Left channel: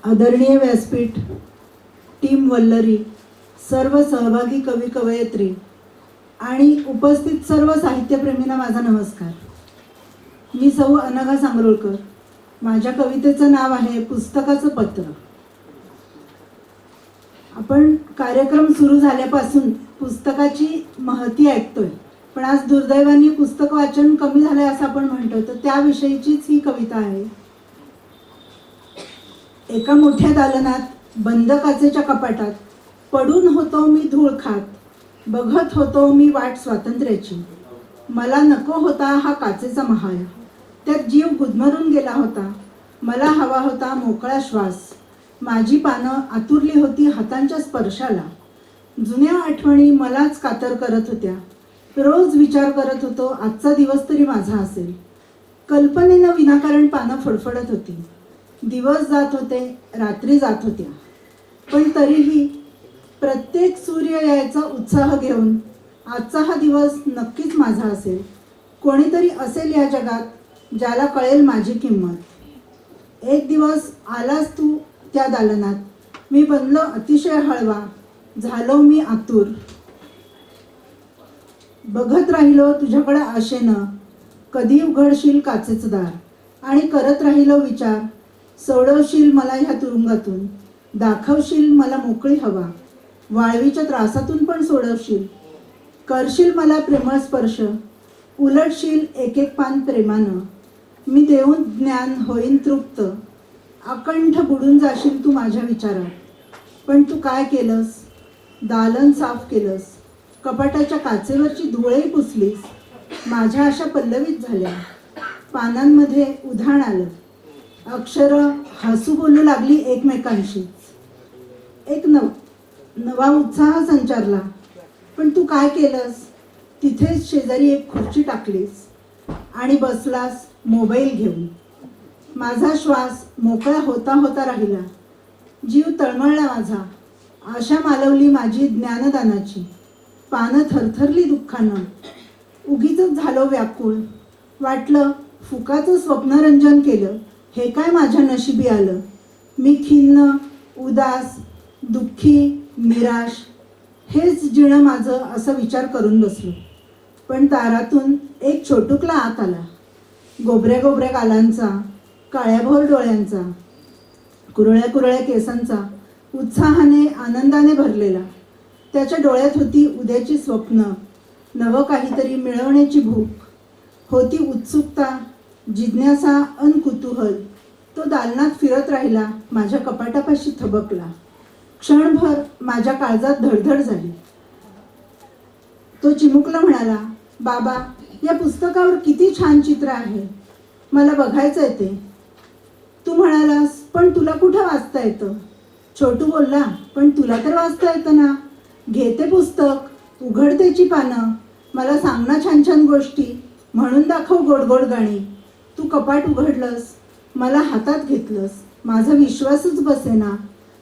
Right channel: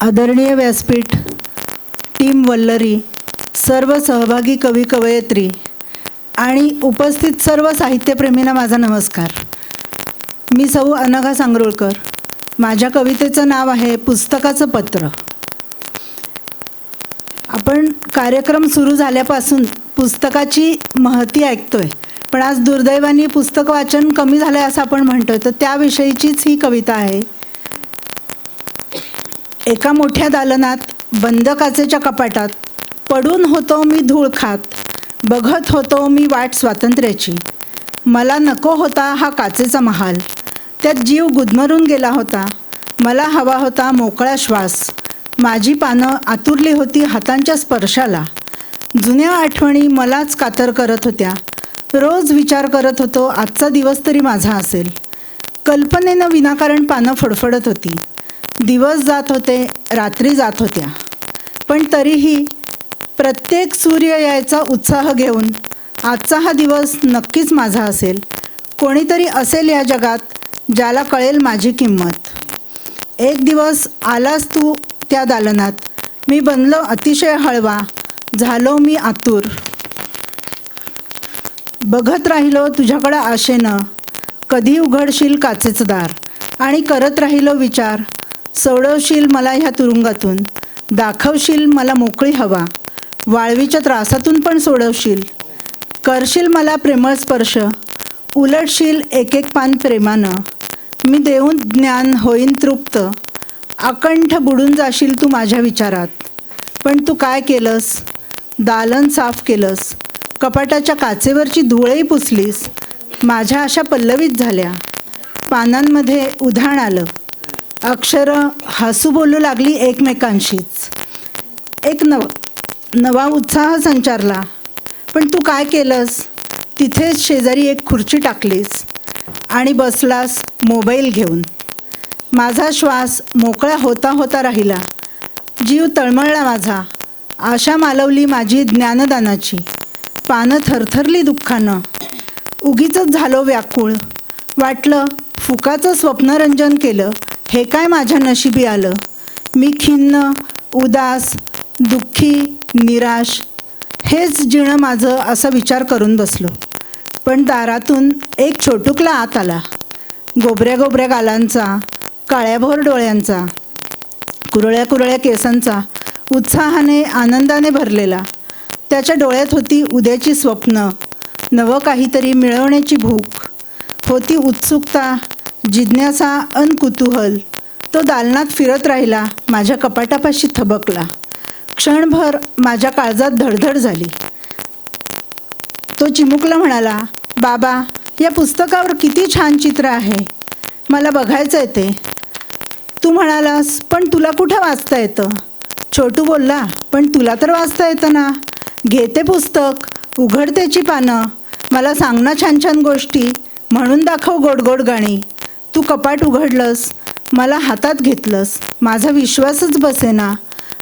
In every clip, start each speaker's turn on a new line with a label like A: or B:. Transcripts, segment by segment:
A: आदरणीय व्यासपीठ टीम वल्लरी सर्व सहभागी कवी कवयित्री आणि उपस्थित सर्व साहित्यप्रेमींना माझा नमस्कार. मी सौ अनघा सांगरुळकर. माझ्या कवितेचं नाव आहे पुस्तकाचं पत्र. आपण कार्यक्रम सुरू झाल्यापासून पुस्तकाची महती ऐकतोय पण आज दुर्दैवाने पुस्तक वाचन कमी झालंय असं आपण म्हणतोय तर त्याविषयीचीच ही कविता आहे. एका मोठ्या दालनात बंद काचेच्या कपाटात पडून होतो मी धूळ खात बघत होतो मी वाट स्वातंत्र्याची. मला नको होता हा काचेचा महाल. त्यात जीव गुदमरून गेला होता. मला हवा होता मोकळा श्वास. माझी पानं आतुरली होती हातांच्या स्पर्शाला. जुन्या आठवणी मलाच कातर करत होत्या. रोज विचार करत होतो आजचा दिवस तरी माझा असेल. कल्पनेनं विनाकारण पानं फडफडत होती. दिवस जात होते रात्री जात होत्या. पण तरीही प्रत्येक सूर्य यायचा उत्साह घेऊन आजचा हा दिवस नक्कीच माझा असेल. कोणीतरी असेल या जगात ज्याला कळेल माझी किंमत. एक दिवस आलास तू त्या दालनात. मी बनलो अतिशय हळवा. झालो मी आतुर. बघत राहिलो तुझ्याकडं आशेनं. कधी उघडशील काचेचं दार. आणि करत राहिलो विचार. सोडवशील मला ह्या तुरुंगातून. दाखवशील मला मोकळी हवा. वाळवीच्या त्रासातून पण सोडवशील. करशील मला प्रेमळ स्पर्श. उलटशील एक एक पान प्रेमानं. मी देऊन ज्ञान होईन तृप्त. अकंठ बुडून जाशील तू माझ्या विचारात. पण तू काय केलंस? दालन साफ केलंस. कपाटाच्या काचेवरची धुळही पुसलीस. माझ्या अशा पल्लवीत झाल्या. पानांमध्ये उधाण आलं. अक्षरं हसू बोलू लागली एकमेकांशीच. एक नव नवा उत्साह संचारला. पण तू काय केलंस? तिथेच शेजारी एक खुर्ची टाकलीस आणि बसलास मोबाईल घेऊन. माझा श्वास मोकळा होता होता राहिला. जीव तळमळला माझा. आशा मालवली माझी ज्ञानदानाची. पानं थरथरली दुःखानं. उगीच झालो व्याकुळ. वाटलं फुकाचं स्वप्नरंजन केलं. हे काय माझ्या नशिबी आलं? मी खिन्न उदास दुःखी निराश हेच जिणं माझं असा विचार करून बसलो. पण दारातून एक छोटुकला आत आला. गोबऱ्या गोबऱ्या गालांचा काळ्याभोर डोळ्यांचा कुरळ्या कुरळ्या केसांचा उत्साहाने आनंदाने भरलेला. त्याच्या डोळ्यात होती उद्याची स्वप्न नवं काहीतरी मिळवण्याची भूक. होती उत्सुकता जिज्ञासा अन कुतूहल. तो दालनात फिरत राहिला माझ्या कपाटापाशी थबकला. क्षणभर माझ्या काळजात धडधड झाली. तो चिमुकला म्हणाला बाबा या पुस्तकावर किती छान चित्र आहे. मला बघायचं आहे ते. तू म्हणालास पण तुला कुठं वाचता येतं? छोटू बोलला पण तुला तर वाचता येतं ना. घेते पुस्तक उघडतेची पानं. मला सांग ना छान छान गोष्टी. म्हणून दाखव गोड गोड गाणी. तू कपाट उघडलंस मला हातात घेतलंस माझा विश्वासच बसेना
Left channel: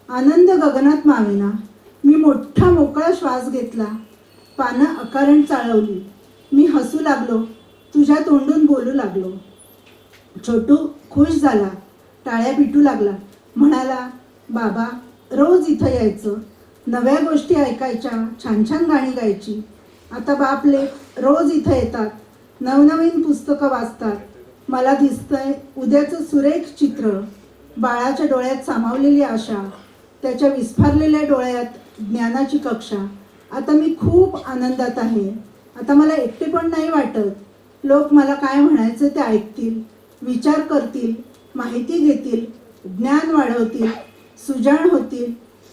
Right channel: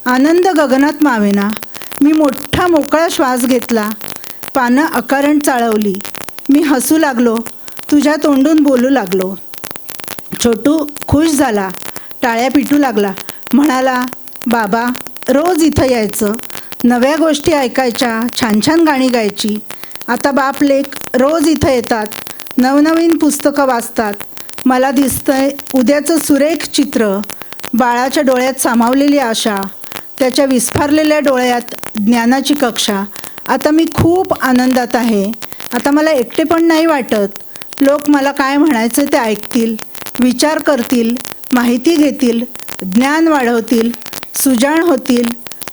A: आनंद गगनात मावेना मी मोठा मोकळा श्वास घेतला पानं अकारण चाळवली मी हसू लागलो तुझ्या तोंडून बोलू लागलो. छोटू खुश झाला टाळ्या पिटू लागला म्हणाला बाबा रोज इथं यायचं नव्या गोष्टी ऐकायच्या छान छान गाणी गायची आता बाप लेख रोज इथं येतात नवनवीन पुस्तकं वाचतात मला दिसतंय उद्याचं सुरेख चित्र. बाळाच्या डोळ्यात सामावलेली आशा त्याच्या विस्फारलेल्या डोळ्यात ज्ञानाची कक्षा. आता मी खूप आनंदात आहे. आता मला एकटे पण नाही वाटत. लोक मला काय म्हणायचं ते ऐकतील विचार करतील माहिती घेतील ज्ञान वाढवतील सुजाण होतील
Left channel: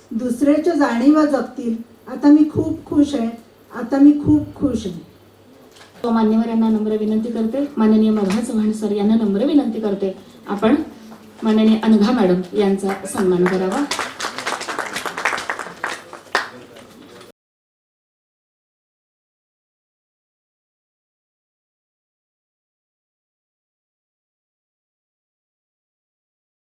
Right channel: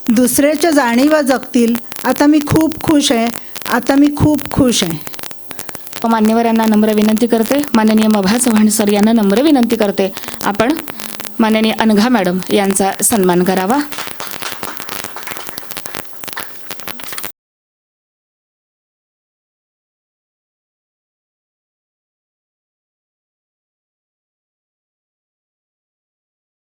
A: दुसऱ्याच्या जाणीवा जगतील. आता मी खूप खुश आहे. आता मी खूप खुश आहे.
B: मान्यवरांना नम्र विनंती करते. माननीय मभा चव्हाण सर यांना नम्र विनंती करते. आपण माननीय अनघा मॅडम यांचा सन्मान करावा.